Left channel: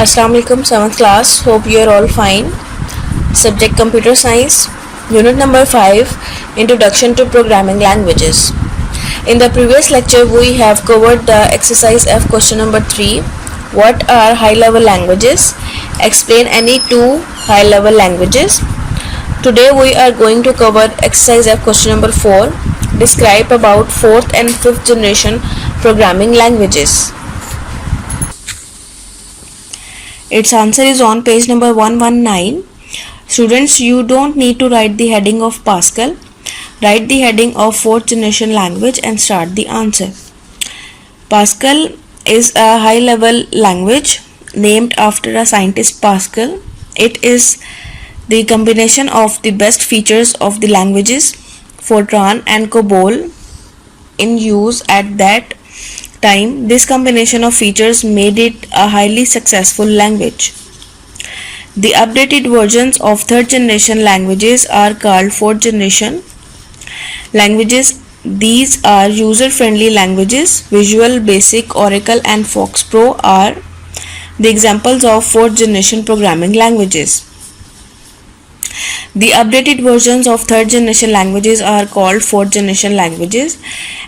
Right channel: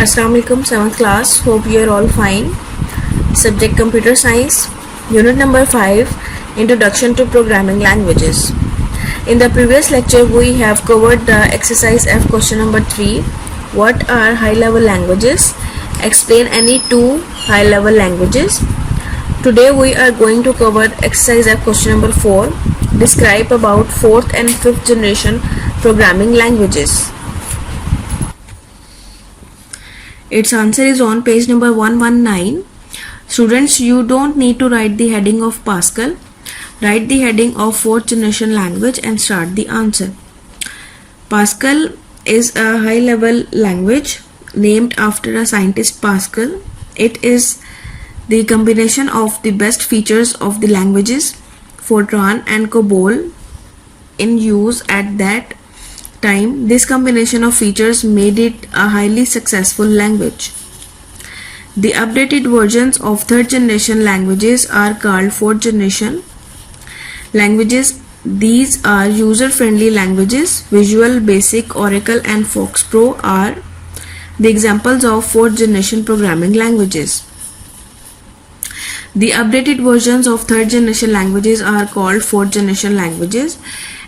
Assalamu alaikum, 7th class. Hope you are all fine. Subject Computer Science. Unit number 5, Introduction to Programming Languages. In the previous lecture, we have covered the exercise F question number 3. What are high-level languages? Explain any two high-level languages. Today we are going to cover exercise F question number 4. Describe about 4th and 5th generation programming languages. Its answer is on page number 119. Students, you don't need to write the heading of Pascal. Write the heading of 4th generation language and start the answer. Pascal is a high-level language named after a scientist Pascal. It is the combination of the best features of the languages Fortran and COBOL in use at that time. This combination of features made it a highly successful language. The updated versions of 3rd generation languages are called 4th generation languages. These are user-friendly languages. Visual Basic, Oracle and FoxPro are the examples of 4th generation programming languages. The updated versions of 3rd generation languages are called 4th generation languages,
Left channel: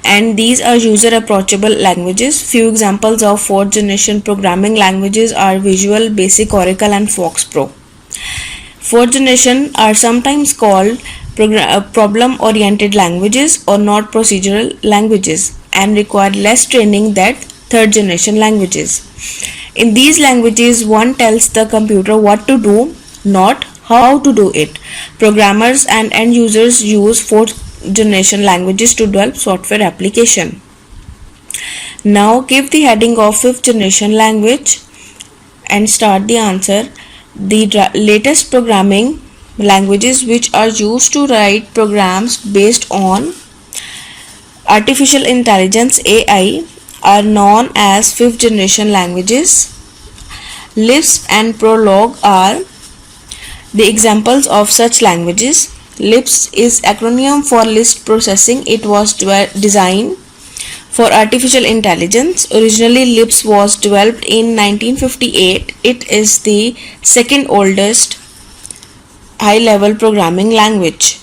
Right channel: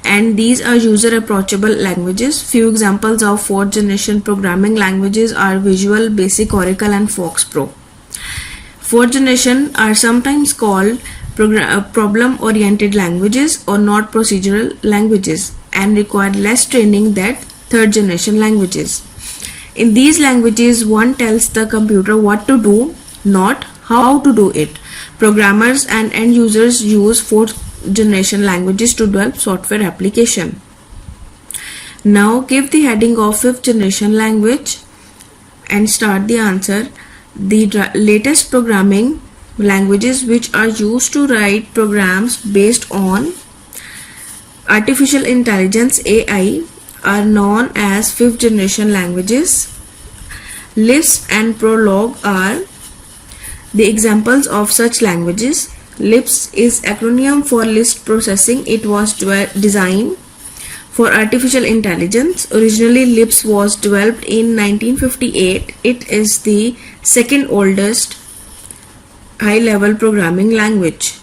and these are user approachable languages. Few examples of 4th generation programming languages are Visual Basic, Oracle and FoxPro. 4th generation are sometimes called problem oriented languages or not procedural languages and require less training than 3rd generation languages. In these languages, one tells the computer what to do, not how to do it. Programmers and end users use 4th generation languages to develop software application. Now give the heading of 5th generation language and start the answer. The latest programming languages which are used to write programs based on artificial intelligence AI are known as 5th generation languages. Lisp and Prolog are the examples of such languages. Lisp is acronym for Lisp Processing. It was designed for artificial intelligence. Originally, Lisp was developed in 1958. It is the second oldest high-level programming language.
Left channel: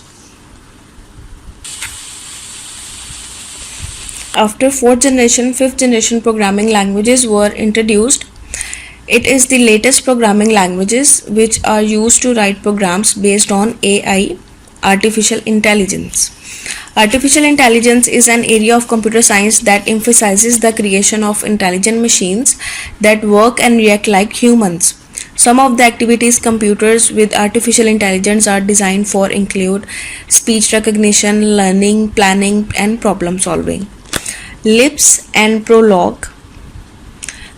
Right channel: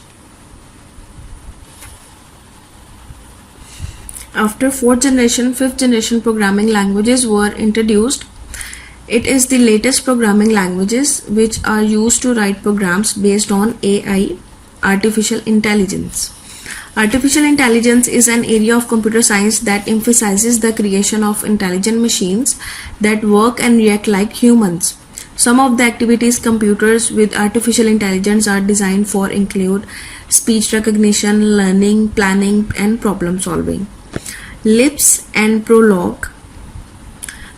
After 4th generation, 5th generation programming languages were introduced. It is the latest programming languages which are used to write programs based on AI, artificial intelligence. Artificial intelligence is an area of computer science that emphasizes the creation of intelligent machines that work and react like humans. Some of the activities computers with artificial intelligence are designed for include speech recognition, learning, planning, and problem solving. Lisp and Prolog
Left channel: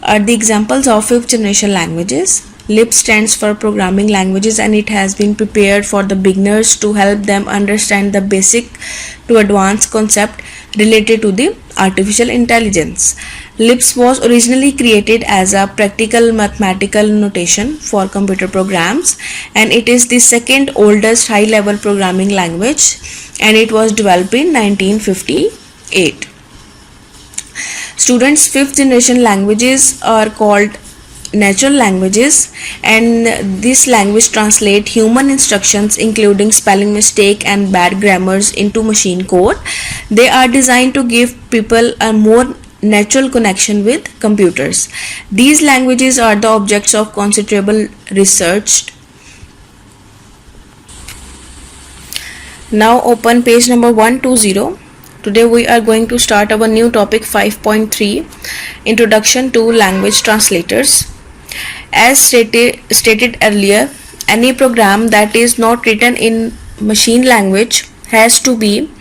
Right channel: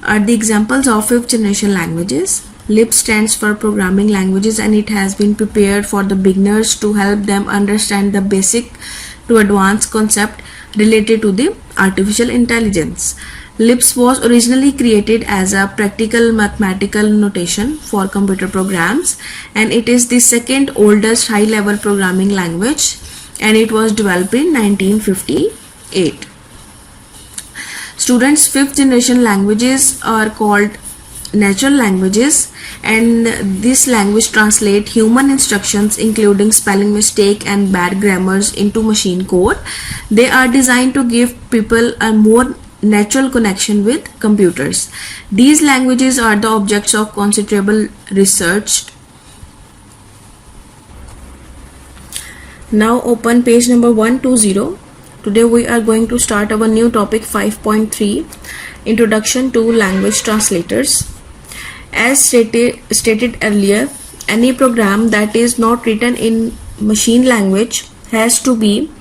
are the examples of 5th generation languages. Lisp stands for programming languages and it has been prepared for the beginners to help them understand the basic to advanced concept related to the artificial intelligence. Lisp was originally created as a practical mathematical notation for computer programs, and it is the second oldest high-level programming language, and it was developed in 1958. Students, 5th generation languages are called natural languages, and this language translate human instructions including spelling mistake and bad grammars into machine code. They are designed to give people a more natural connection with computers. These languages are the objects of considerable research. Now open page number 120. Today we are going to start our new topic 5.3, Introduction to Language Translators. As stated earlier, any program that is not written in machine language has to be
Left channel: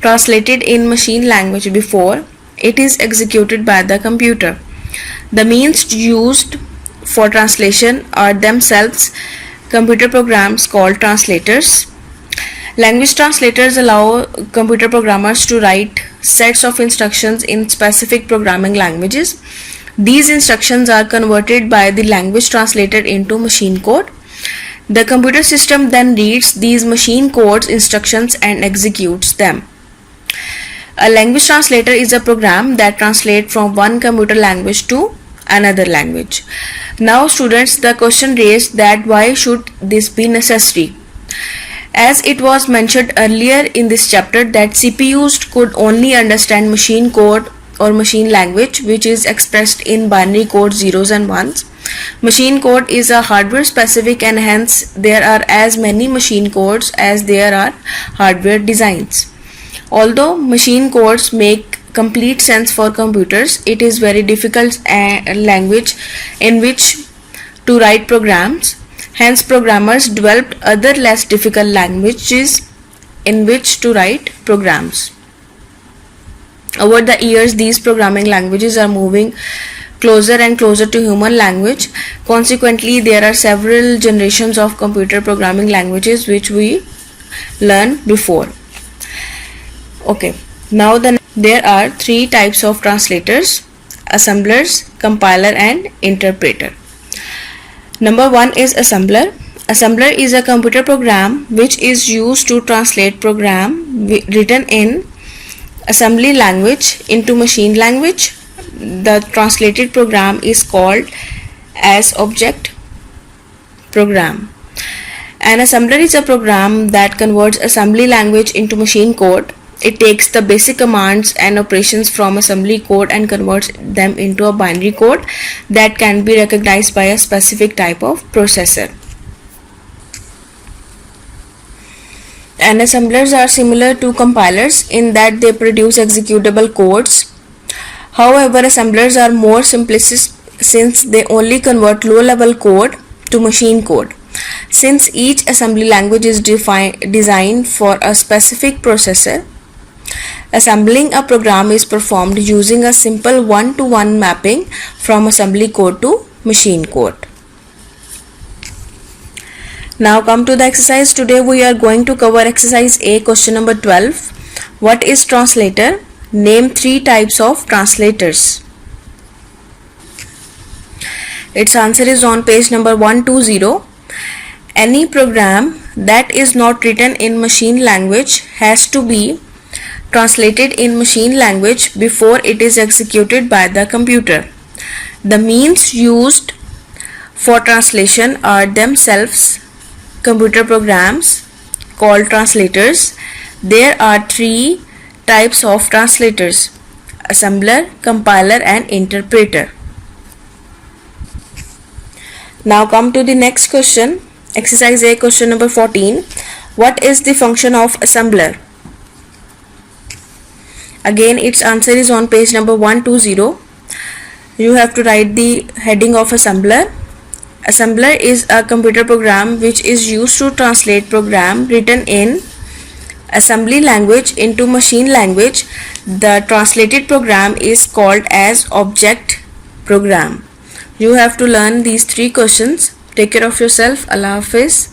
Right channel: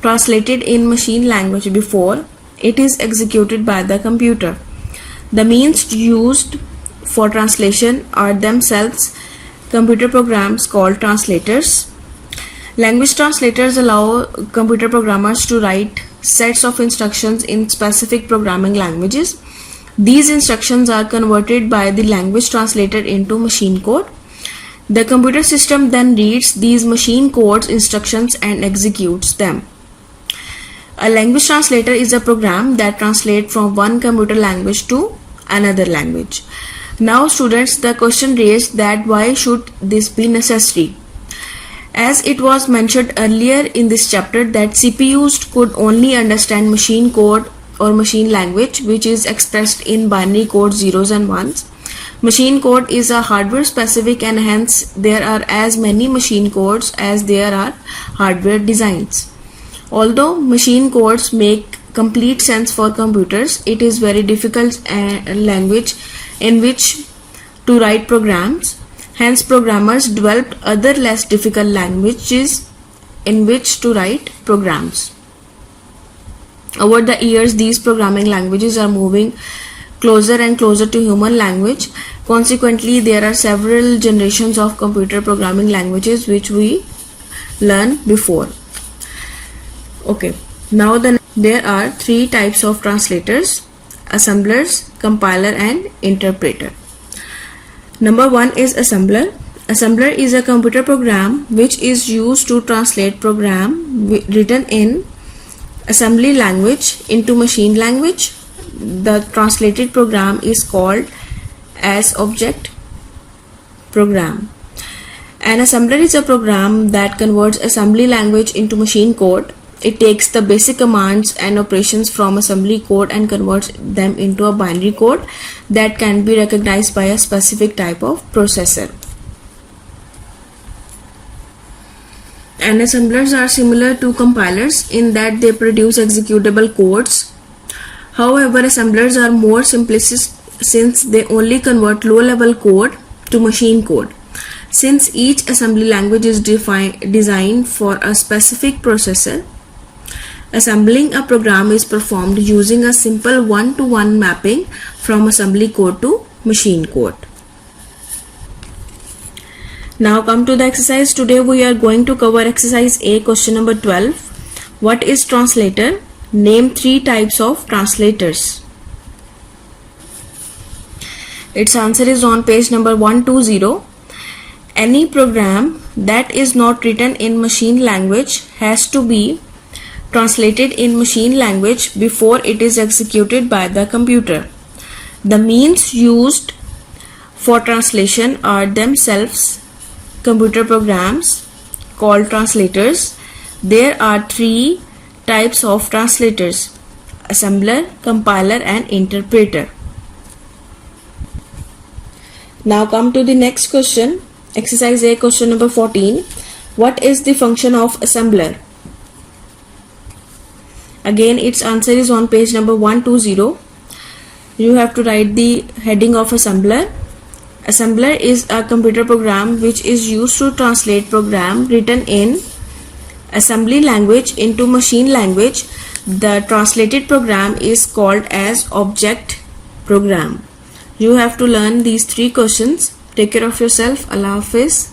translated in machine language before it is executed by the computer. The means used for translation are themselves computer programs called translators. Language translators allow computer programmers to write sets of instructions in specific programming languages. These instructions are converted by the language translator into machine code. The computer system then reads these machine codes instructions and executes them. A language translator is a program that translates from one computer language to another language. Now students, the question raised that why should this be necessary? As it was mentioned earlier in this chapter that CPUs could only understand machine code or machine language which is expressed in binary code zeros and ones. Machine code is a hardware specific and hence there are as many machine codes as there are hardware designs. Although machine codes make complete sense for computers, it is very difficult language in which to write programs. Hence programmers developed other less difficult languages in which to write programs. Over the years, these programming languages are moving closer and closer to human language. Consequently, there are several generations of computer programming languages which we learned before. Okay, now there are three types of translators: assemblers, compiler and interpreter. Number one is assembler. Assembler is a computer program which is used to translate program written in assembly language into machine language. The translated program is called as object program. An assembler is a program that converts assembly language into machine code. It takes the basic commands and operations from assembly code and converts them into a binary code that can be recognized by a specific type of processor. And assemblers are similar to compilers in that they produce executable codes. However, assemblers are more simplistic since they only convert low-level code to machine code. Since each assembly language is designed for a specific processor, assembling a program is performed using a simple one-to-one mapping from assembly code to machine code. Now come to the exercise. Today we are going to cover exercise A, question number 12. What is translator? Name three types of translators. Its answer is on page number 120. Any program that is not written in machine language has to be translated in machine language before it is executed by the computer. The means used for translation are themselves computer programs called translators. There are three types of translators: assembler, compiler and interpreter. Now come to the next question. Exercise A, question number 14. What is the function of assembler? Again, its answer is on page number 120. You have to write the heading of assembler. Assembler is a computer program which is used to translate program written in assembly language into machine language. The translated program is called as object program. You have to learn these three questions. Take care of yourself. Allah Hafiz.